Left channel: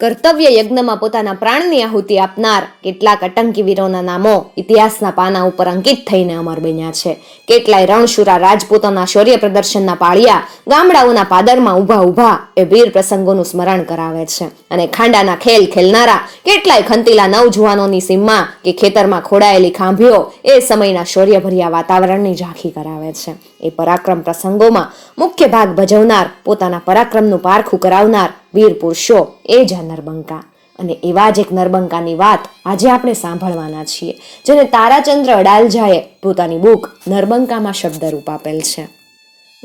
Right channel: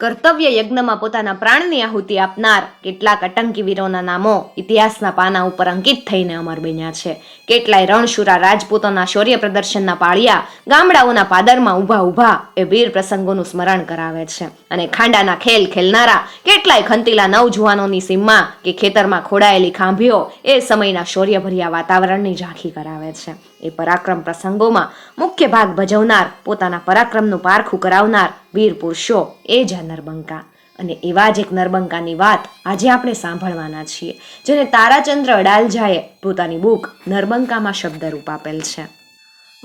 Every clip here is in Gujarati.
કર્તવ્ય યજ્ઞમાં પોતાના પ્રાણની આહુતિ આપનાર કેટલાક આતંકી વીરોના નામો ઇતિહાસના પાના ઉપર અંકિત થઈને અમર બન્યા છે. કેટલાય રણશુરા રાજપૂતોના શૌર્ય પ્રદર્શનના પાળિયા ગામડાઓના પાદરમાં ઊભા ઊભા એ વીર પ્રસંગોનું સ્મરણ કરાવે છે. અને ખાંડાના ખેલ ખેલનારા કેટલાય ખંતીલા નવજુવાનોની સીમમાં કે ખેતરમાં ખોડાયેલી ખાંભીઓ એ સમયના શૌર્યભર્યા વાતાવરણની ઝાંખી કરાવે છે. એ પરાક્રમ પ્રસંગોમાં મુખ્ય ભાગ ભજવનાર પોતાના પરાક્રમનું પારખું કરાવનાર વીર પુરુષો એ જ નરબંકા અને એવા જ એક નરબંકાની વાત આજે આપણે સાંભળવાના છીએ, જેને તારાચંદ્ર અડાલજાએ પોતાની બુક નરબંકામાં શબ્દરૂપ આપેલ છે.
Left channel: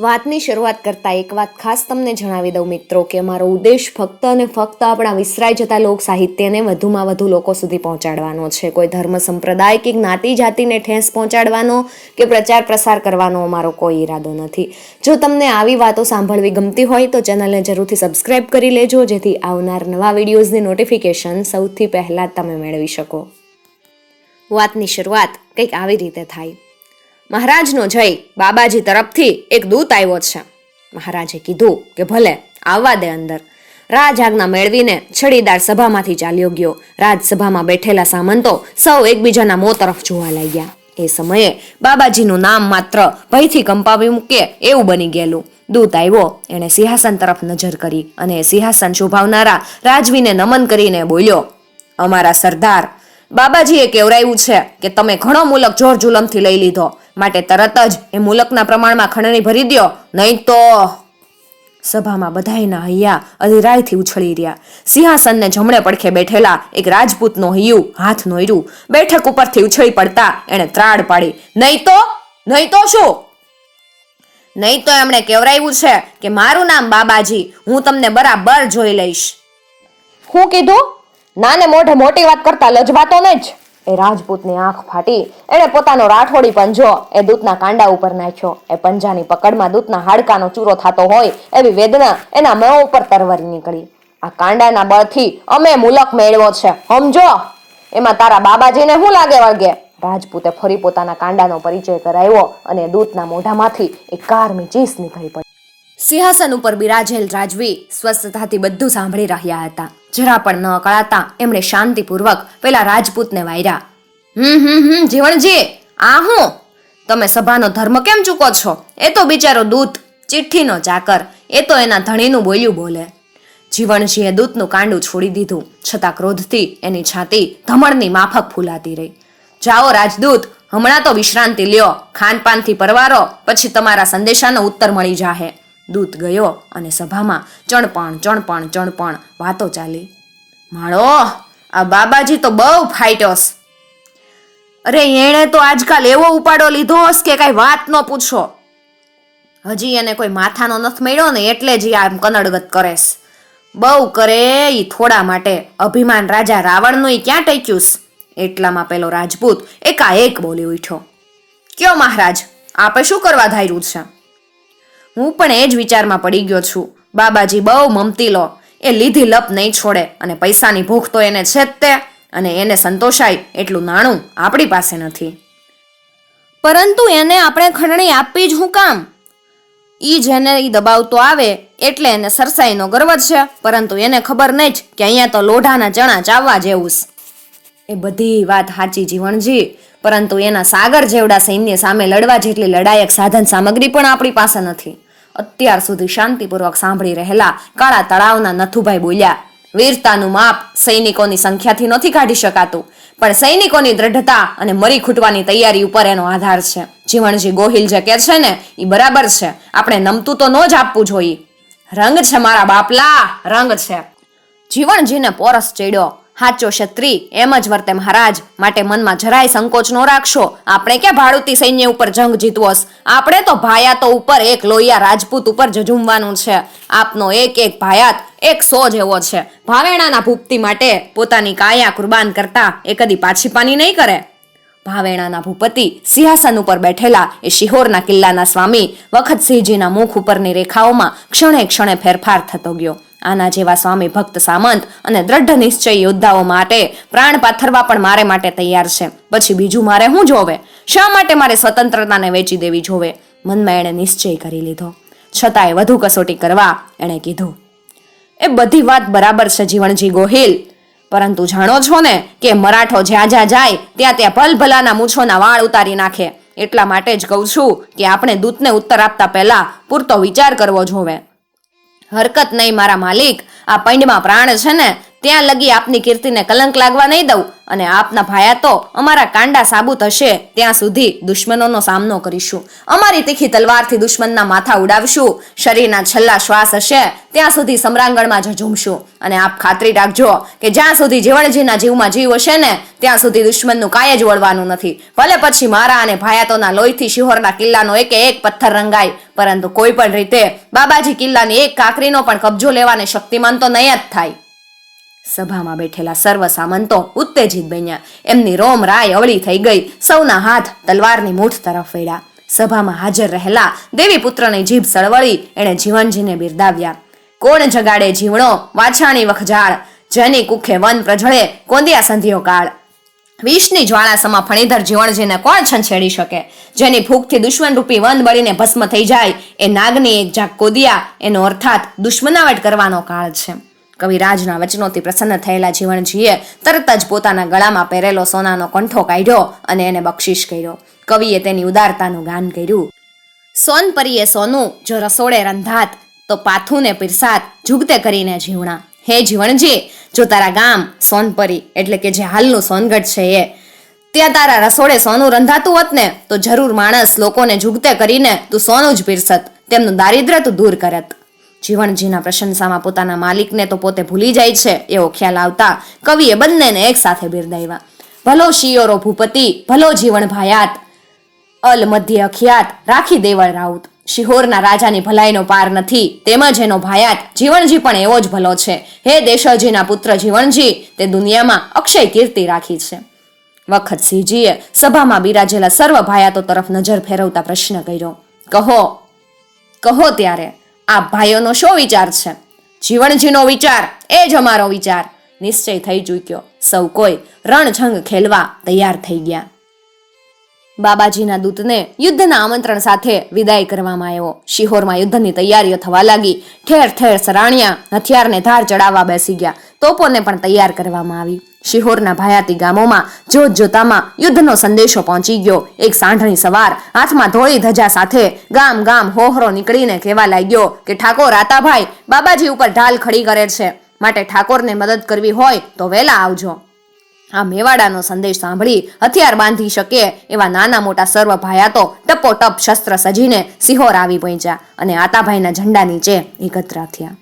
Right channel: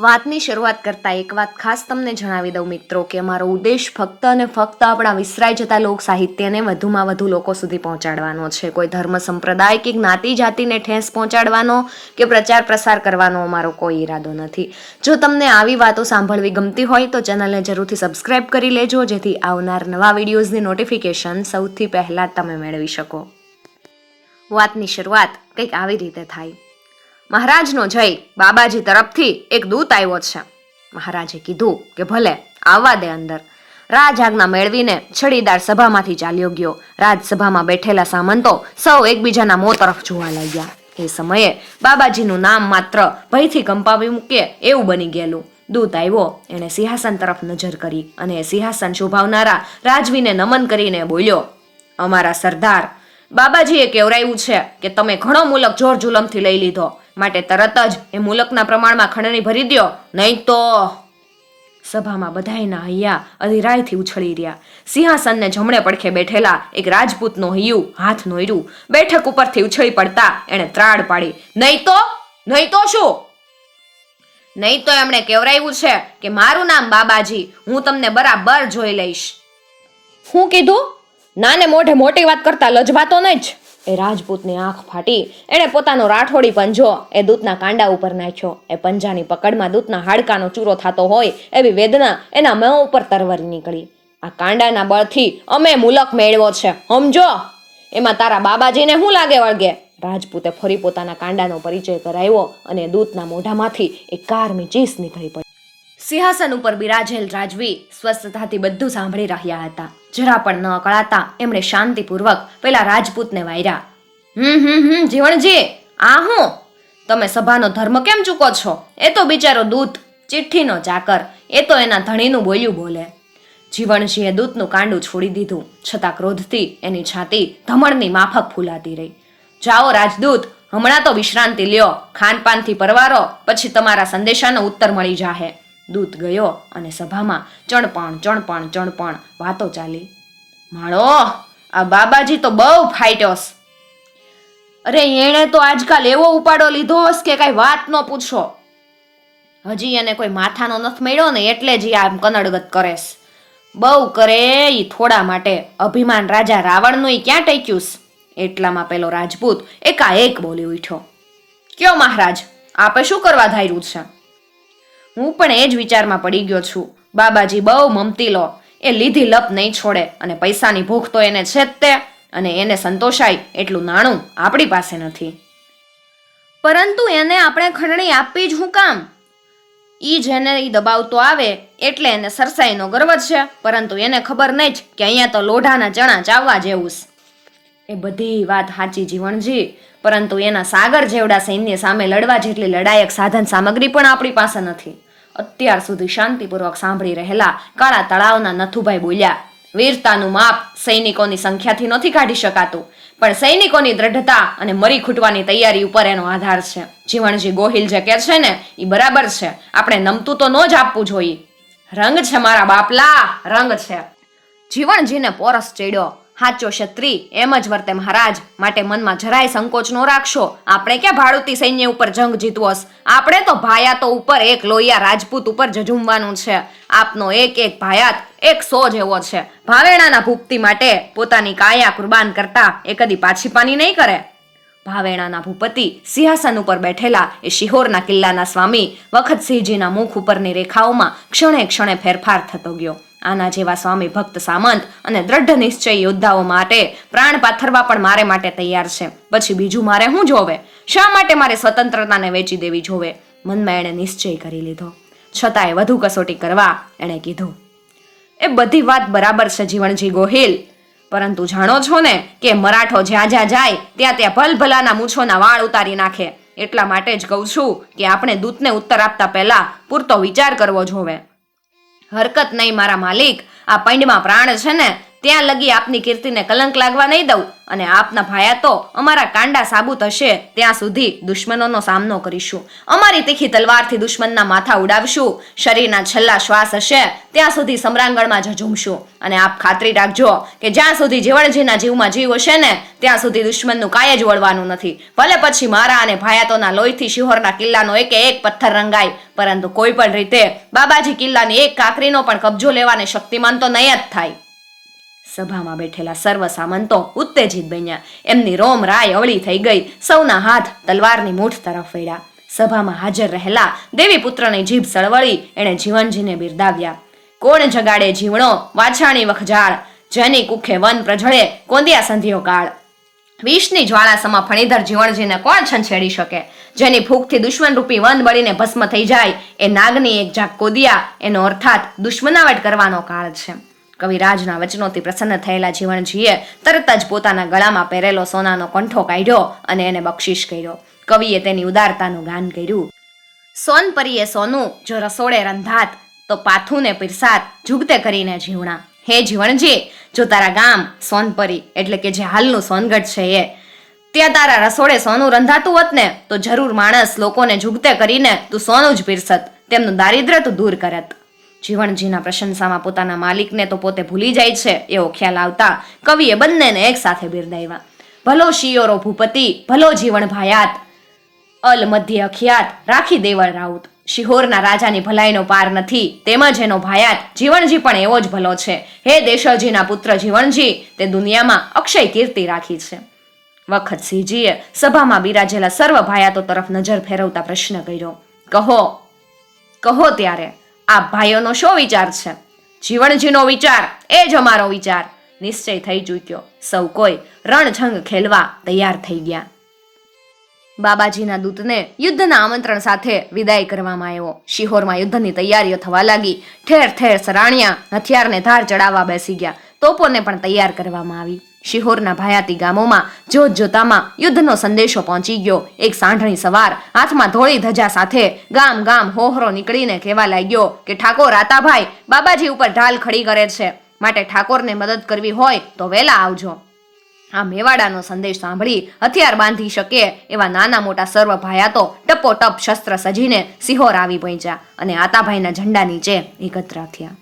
વાતની શરૂઆત કરતાં એક વાત ખાસ તમને જણાવી દઉં મિત્રો કે અમારો ઉદ્દેશ ફક્ત અને ફક્ત આપણા વિસરાઈ જતા લોક સાહિત્યને વધુમાં વધુ લોકો સુધી પહોંચાડવાનો છે. કોઈ ધર્મ સંપ્રદાય કે જ્ઞાતિ જાતિને ઠેસ પહોંચાડવાનો કે પ્રચાર પ્રસાર કરવાનો અમારો કોઈ ઈરાદો નથી. જો તમને આવી વાતો સાંભળવી ગમતી હોય તો ચેનલને જરૂરથી સબસ્ક્રાઇબ કરી લેજો, જેથી આવનાર નવા વિડીયોઝની નોટિફિકેશન સૌથી પહેલાં તમે મેળવી શકો. વાતની શરૂઆત કંઈક આવી રીતે થાય. મહારાજનો જય બાબાજી તરફથી એક દૂત આવ્યો છે. મહારાજે કીધું કે ભલે, આવવા દે અંદર. રાજ આજ્ઞા મેળવીને છડીદાર સભામાંથી ચાલ્યો ગયો. રાજસભામાં બેઠેલા સામંતો સૌ એકબીજાના મો તરફ જોવા લાગ્યા. એ સમયે બાબાજીનું નામ માત્ર ભયથી કંપાવી મૂકે એવું બની ગયેલું. દૂત આવ્યો, એણે સિંહાસન તરફ નજર કરી અને સિંહાસન શોભાવનારા રાજવીને નમન કરીને બોલ્યો, અમારા સરદાર, બાબાજીએ કેવરાયું છે કે તમે ઘણો મુલક જોર જુલમથી લઈ લીધો. માટે તરત જ એ મુલકના પ્રમાણમાં ખંડણી ભરી દ્યો. નહીં તો સભામાં બધાયના હૈયા અધિરાયથી ઉછળી રહ્યા. સિંહાસનને જમણે પડખે બેઠેલા એક રાજપૂતનો હૈયું હાથ નોયરું બેઠક ઉપરથી ઉછળી પડતા એણે ત્રાડ પાડી. નહીં તો? નહીં તો શું? નહીં તો એમણે કેવરાયું છે કે મારું નામ બાબાજી. હું તમને બરાબર જોઈ લઈશ. હું કીધું? નાને મોઢે મોટી વાત કરતા લજવાતો નહીં જ. એ રાજપૂતની આંખ ફાટી, એણે પોતાનો રાઠોડી પંજો એ દૂતના કાંડા ઉપર નાખ્યો. એ પંજાની પકડમાં દૂતના હાડકાનો ચૂરો થતો હોય, એવી વેદના એના મોં ઉપર તરવરી નીકળી. આ કાંડાના બળથી અમે મુલક મેળવ્યો છે, સમજો? એમાં તારા બાબાજીને શું લાગે વળગે? રાજપૂતે ફરી પોતાના કાંડાનો પરિચય કરાવ્યો અને દૂતના મોઢામાંથી એક કારમી ચીસ નીકળી પડી. સિંહાસન ઉપર બિરાજેલ રાજવી સ્વસ્થતાથી બધું સાંભળી રહ્યા હતા. જરા પણ ન કળાતા એમણે શાંતિપૂર્વક પેલા રાજપૂતને વાયરા, હમ હમ હમ, જીવણજી, આ હું? તમે સભાનો ધર્મ કેમ ચૂકો છો? એ તો બિચારો દૂત, ચિઠ્ઠીનો ચાકર, એ તો એના ધણીનું બોલ્યું બોલે. જીવણજીએ દૂતનું કાંડું છોડી દીધું, છતાં ક્રોધથી એની છાતી ધમણની માફક ફૂલાતી રહી. જાઓ રાજદૂત, હમણાં તો વિશ્રાંતિ લ્યો, ખાનપાનથી પરવારો, પછી તમારા સંદેશાનો ઉત્તર મળી જાહે. દૂત ગયો અને સભામાં ચણપણ ચણપણ ચણપણ વાતો ચાલી. માળો, આ બાબાજી તો બહુ ફાઇટોસ. અરે, એણે તો આજકાલ એવો ઉપાડો લીધો હસ કે કાંઈ વાત ન પૂછો. હજી એને કોઈ માથાનો નથ મળ્યો ને એટલે જ આમ કનડગત કરેશ બહુ કરે ઈ થોડા માટે. અભિમાન રાજા રાવણનું એ ક્યાં ટેક્યુસ? એટલામાં પેલો રાજપૂત એકાએક બોલી ઉઠ્યો. કયો મહારાજ, આપે શું કરવા ધાર્યું છે? હું પણ એ જ વિચારમાં પડી ગયો છું. બાબાજી બહુ મમતીલો એ લીધી લપ નહીં છોડે અને પૈસાની ભૂખ તો એને છે જ તે અને એને સંતોષાય એટલું નાણું આપણી પાસે નથી. પરંતુ એને આપણે ખંડણી આપવી જ હું કામ? ઈ જેને ઈ દબાવતો આવે એટલે એને સરસાઈનો ગર્વ છે, પરંતુ એને ખબર નહીં જ કે અહીંયા તો લોઢાના ચણા ચાવવા જેવું. એ બધી વાત સાચી જીવણજી પરંતુ એના સાગર જેવડા સૈન્ય સામે લડવા જેટલી લડાયક સાધન સામગ્રી પણ આપણી પાસે નથી. અત્યાર સુધી શાંતિપૂર્વક સાંભળી રહેલા કાળા તળાવના નથુભાઈ બોલ્યા, વીરતાનું માપ સૈનિકોની સંખ્યાથી નથી કાઢી શકાતું, પણ સૈનિકોની દ્રઢતા અને મરી ખૂટવાની તૈયારી ઉપર એનો આધાર છે. જીવણજી ગોહિલ જે કે છે ને એ બરાબર છે. આપણે નમતું તો ન જ આપવું જોઈએ. રંગ છે મારા બાપલા, રંગ છે. જીવણજીને પોરસ ચડ્યો. હાચો ક્ષત્રી એમ જ વર્તે મહારાજ. માટે મનમાં જરાય સંકોચ નો રાખશો. આપણે ક્યાં ભાડુતી સૈન્ય ઉપર જંગ જીતવોસ? આપણે તો ભાયાતો ઉપર એક લોહિયા રાજપૂત ઉપર જજુમવાનું છે. આપનો એક એક ભાયાત એક સો જેવો છે. ભાવેણાના ભૂપતિ માટે પોતાની કાયા કુરબાન કરતા એ કદી પાછી પાની નહીં કરે. ભાવેણાના ભૂપતિ સિંહાસન ઉપર બેઠેલા એ શિહોરના કિલ્લાના સ્વામી વખતસિંહજીના મુખ ઉપરની રેખાઓમાં ક્ષણે ક્ષણે ફેરફાર થતો ગયો. આના જેવા સ્વામી ભક્ત સામંત અને દ્રઢ નિશ્ચય યોદ્ધાઓ માટે પ્રાણ પાથરવા પણ મારે માટે તૈયાર છે. પછી બીજું મારે શું જોવે? શા માટે મારે સ્વતંત્રતાને વેચી દેવી જોવે? મનમાં એણે નિશ્ચય કરી લીધો. છતાંય વધુ કસોટી કરવા એણે કીધું, એ બધી વાત બરાબર છે જીવણજી ગોહિલ, પરંતુ જાણો છો ને કે મરાઠો જ્યાં જ્યાં જાય, ત્યાં ત્યાં ભલભલાના મૂછોના વાળ ઉતારી નાખે. એટલા માટે જ કહું છું કે આપણે દૂતને ઉત્તર આપતા પહેલા પૂરતો વિચાર કરવો જોવે. હરકત નહીં મારા માલિક. આ પૈંડમાં પ્રાણ છે ને ત્યાં લગી આપની કીર્તિને કલંક લાગવા નહીં દઉં. અને આપના ભાયા તો અમારા કાંડા સાબુત હશે. ત્યાં સુધી દુશ્મનોનો સામનો કરીશું. અમારી તીખી તલવારથી દુશ્મનના માથા ઉડાવશું. શરીરના છેલ્લા શ્વાસ હશે, ત્યાં સુધી સમરાંગણમાં ઝૂમશું અને આપ ખાતરી રાખજો કે જ્યાં સુધી જીવણજીના જીવમાં જીવ હશે ને, ત્યાં સુધી દુશ્મનનું કાંઈ જ વળવાનું નથી. ભલે પછી મારા અને ભાયાતોના લોહીથી શિહોરના કિલ્લાનો એકે એક પથ્થર રંગાય, પરંતુ કોઈ પણ રીતે બાબાજી કિલ્લાની એક કાકરીનો પણ કબજો લેવાને શક્તિમાન તો નહીં જ થાય. સભામાં બેઠેલા સર્વ સામંતો ઉત્તેજિત બન્યા. એમની રોમ રાય અવળી થઈ ગઈ. સૌના હાથ તલવારની મૂઠ તરફ વળ્યા. સભામાં હાજર રહેલા દેવી પુત્રની જીભ સળવળી, એણે જીવનજીને બિરદાવ્યા. કોણ જગાડે જીવણો? વાછાણી વખજાળ. જેની કુખે વન પ્રજળે કોંદિયા સંધિયો કાળ. વિષની જ્વાળા સમા ફણીધર જીવણજીને કોણ છંછેડી શકે? જેની ભૂખથી દુશ્મન રૂપી વન બળીને ભસ્મ થઈ જાય. એ નાગની એક જાક કોદિયા, એનો અર્થાત દુશ્મનાવટ કરવાનો કાળ છે. કવિરાજના વચનોથી પ્રસન્ન થયેલા જીવણજીએ તરત જ પોતાના ગળામાં પહેરેલો સોનાનો કંઠો કાઢ્યો અને એને બક્ષિશ કર્યો. કવિએ તેની ઉદારતાનું ગાન કર્યું. સોન પરીએ સોનું, જો રસોડે રંધાત, તો પાથુને પીરસાત, જુગતે કરીને જીવણા. હે જીવણજી જો તારા ગામ સોનપરી એટલે કે જે હાલનું સોનગઢ છે એ. ત્યાં તારા રસોડે સોનું રંધાતું હોત ને, તો જરૂર માણસ લોકોને જુગતે કરીને તું સોનું જ પીરસત, તેમનું દારિદ્ર્ય તું દૂર કરત. જીવણજીના પ્રશંસામાં પોતાના માલિકને તો પોતે ભૂલી જાય છે, એવો ખ્યાલ આવતા કવિએ બંનેને એક સાથે બિરદાવ્યા. ભલો શિયોરો ભૂપતિ, ભલો જીવણ ભાયાત, અલ મધ્ય અખ્યાત, રાખી દેવળ રાઉત. શિહોરના રાજાની ભલાઈનો પાર નથી, તેમજ એનો ભાયાત. જીવણજી પણ એવો જ ભલો છે. હે દેશજીના પુત્ર જીવણજી તે દુનિયામાં અક્ષય કીર્તિ રાખી છે. વખત સિંહજીએ સભામાં બિરાજેલા સર્વ ભાયાતો તરફ નજર ફેરવતા પ્રશ્ન કર્યો. કહો કહો ત્યારે આ ભાઈઓનો શો વિચાર છે? જીવણજીનો વિચાર, એ જ અમારો વિચાર. નિશ્ચય થઈ ચૂક્યો. સૌ કોઈ રણછંગ ખેલવા તૈયાર થઈ ગયા. બાબાજીના દૂતને યુદ્ધના આમંત્રણ સાથે વિદાય કરવામાં આવ્યો. શિહોરમાં યુદ્ધની તૈયારીઓ થવા લાગી. ઠેર ઠેર સરાણિયા હથિયારને ધાર ચડાવવા બેસી ગયા. તોપોને પણ તૈયાર કરવામાં આવી. શિહોરના ભાયાતી ગામોમાં જોત જોતામાં યુદ્ધનો સંદેશો પહોંચી ગયો. એક સાંઢણી સવાર હાથમાં ધોળી ધજા સાથે ગામ ગામ હોહરો નીકળીને કહેવા લાગ્યો કે ઠાકોર, આતાભાઈ, બાબાજી ઉપર ઢાલ ખડી કરે છે. માટે ઠાકોરને મદદ કરવી હોય તો વહેલા આવજો. આ મેવાડાનો સંદેશ સાંભળી હથિયાર બાંધી શકે એવા નાના મોટા સર્વ ભાયાતો ટપોટપ શસ્ત્ર સજીને સિહોર આવી પહોંચ્યા અને આતાભાઈના ઝંડા નીચે એકત્ર થયા.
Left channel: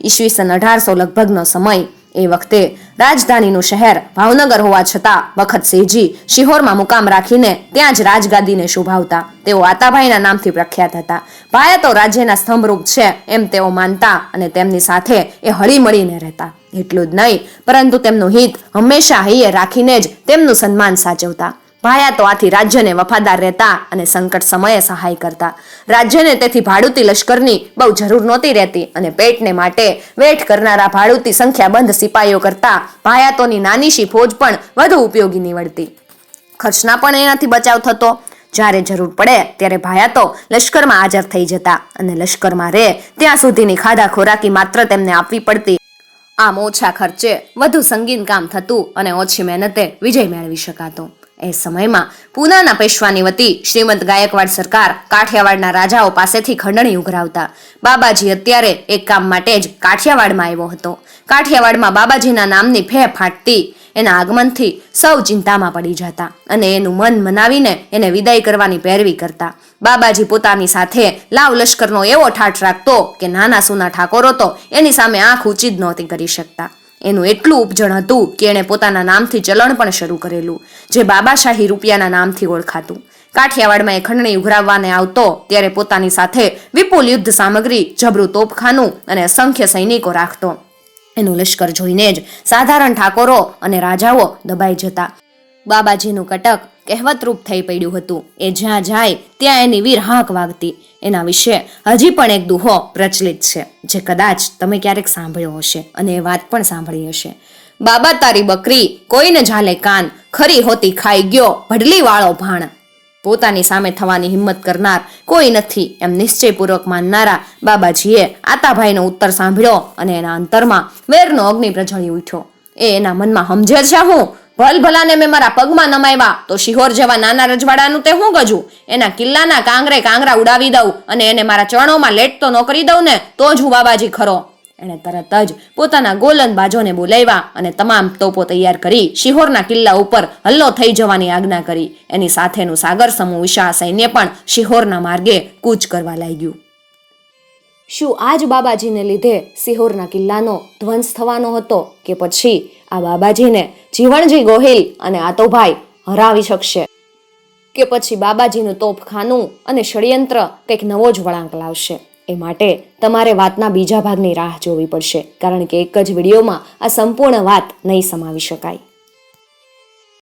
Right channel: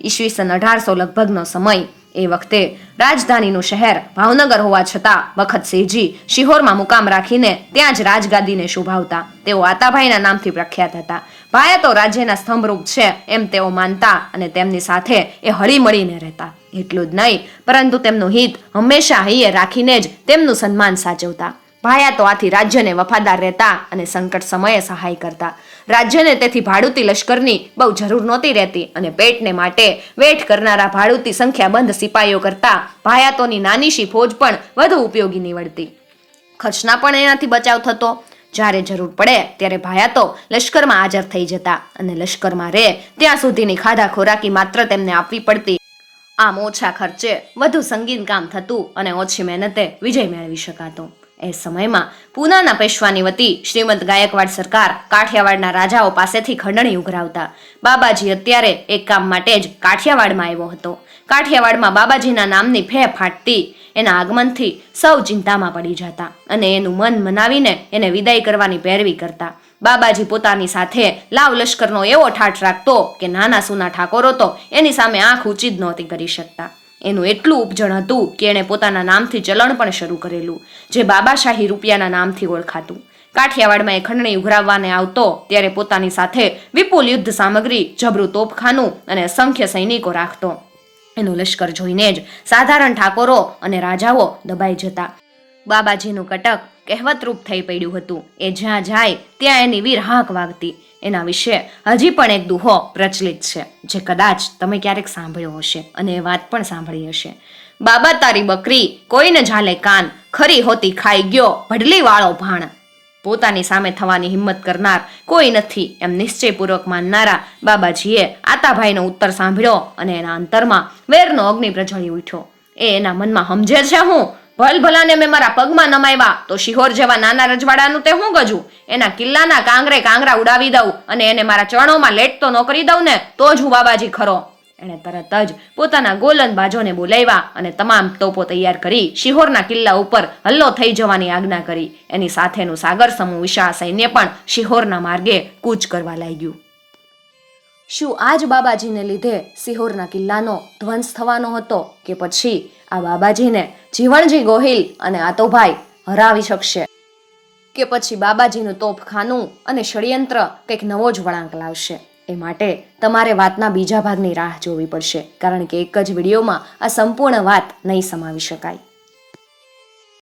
ઈસવીસન અઢારસો લગભગનો સમય એ વખતે રાજધાનીનું શહેર ભાવનગર હોવા છતાં વખત સેજી શિહોરમાં મુકામ રાખીને ત્યાં જ રાજગાદીને શોભાવતા. તેઓ આતાભાઈના નામથી પ્રખ્યાત હતા. ભાયાતો રાજ્યના સ્તંભરૂપ છે એમ તેઓ માનતા અને તેમની સાથે એ હળીમળીને રહેતા. એટલું જ નહીં, પરંતુ તેમનું હિત હંમેશા હૈયે રાખીને જ તેમનું સન્માન સાચવતા. ભાયા તો આથી રાજ્યને વફાદાર રહેતા અને સંકટ સમયે સહાય કરતા. રાજ્યને તેથી ભાડુતી લશ્કરની બહુ જરૂર નહોતી રહેતી અને પેટને માટે વેઠ કરનારા ભાડુતી સંખ્યાબંધ સિપાઈઓ કરતા ભાયાતોની નાનીશી ફોજ પણ વધુ ઉપયોગી નીવડતી. ખર્ચના પણ એનાથી બચાવ થતો. જ્યારે જરૂર પડે ત્યારે ભાયાતો લશ્કરમાં હાજર થઈ જતા અને લશ્કરમાં રહે ત્યાં સુધીની ખાધા ખોરાકી માત્ર તેમને આપવી પડતી. આમ ઓછા ખર્ચે વધુ સંગીન કામ થતું અને ઓછી મહેનતે વિજય મેળવી શકાતો. એ સમયમાં પૂનાના પેશવાની વતી શ્રીમંત ગાયકવાડ સરકાર કાઠિયાવાડના રાજાઓ પાસેથી ખંડણી ઉઘરાવતા. બાબાજી અત્યારે એક કામ માટે જ કાઠિયાવાડમાં આવ્યો હતો. કાઠિયાવાડમાં બાબાજીના નામની ફે ફાટતી એના આગમનથી સૌ ચિંતામાં પડી જતા અને એનું મન મનાવીને એને વિદાય કરવાની પેરવી કરતા. બાબાજી પોતાની સાથે લાવ લશ્કરનો એવો ઠાઠ રાખતો કે નાના સુના ઠાકોરો તો એની સામે આંખ ઊંચી જ નહોતી કરી શકતા. એનું એટલું ઉપજણ હતું કે એણે પોતાના નામથી ચલણ પણ શરૂ કરેલું, જે બાબાશાહી રૂપિયાના નામથી ઓળખાતું. કાઠિયાવાડમાં એ ખંડણી ઉઘરાવવાને આવતો ત્યારે પોતાની સાથે વિપુલ યુદ્ધ સામગ્રી, જબરું તોપખાનું અને અસંખ્ય સૈનિકો રાખતો. એનું લશ્કર જોઈને જ સાધારણ ઠાકોરો અને રાજાઓ દબાઈ જતા. બાબાજીનું કટક કહેવતરૂપ થઈ પડ્યું હતું. એ જ્યાં જાય, ત્યાં એની વીર હાંક વાગતી. એના વિશે હજી પણ એક દુહો પ્રચલિત છે, જે કદાચ તમે ક્યારેક સાંભળ્યો હશે અને એ વાત પણ સાંભળી હશે. બાબા, તારી બકરી કોઈને ઝાલે કાન, ખરી હોતી ખાઈ ગયો ભડલી વાળો ભાણ. પોતાની સામે થવાની હિંમત કરનાર કોઈ નથી. એમ નિશ્ચયપૂર્વક માનનારા બાબાજીએ આતાભાઈનો ઉત્તર સાંભળ્યો અને એના અંતરમાં વેરનો અગ્નિ પ્રજળી ઉઠ્યો. એ એના મનમાં સમજે છે હું? ભલ ભલાને મેં મારા પગમાં નમાવ્યા તો શિહોર જેવા નાના રજવાડાનું તે હું ગજું? એના કિલ્લાના કાંગરે કાંગરા ઉડાવી દઉં અને એને મારા ચરણોમાં લેટતો ન કરી દઉં ને, તો જ હું બાબાજી ખરો. એણે તરત જ પોતાના ગોલંદબાજોને બોલાવ્યા અને તમામ તોપો તૈયાર કરી શિહોરના કિલ્લા ઉપર હલ્લો થઈ જવાની આજ્ઞા કરી. એની સાથેનું સાગર સમૂહ વિશાળ સૈન્ય પણ શિહોરના માર્ગે કૂચ કરવા લાગ્યું. શું આ જ બાબાજીને લીધે સિહોરના કિલ્લાનો ધ્વંસ થવાનો હતો કે પછી આ બાબાજીને જીવણજી ગોહિલ અને આતોભાઈ હરાવી શકશે. કે પછી બાબાજીનું તોપખાનું અને ષડયંત્ર કંઈક નવો જ વળાંક લાવશે. એ માટે તમારે વાતના બીજા ભાગની રાહ જોવી પડશે, કારણ કે એક જ વિડીયોમાં આ સંપૂર્ણ વાત નહીં સમાવી શકાય.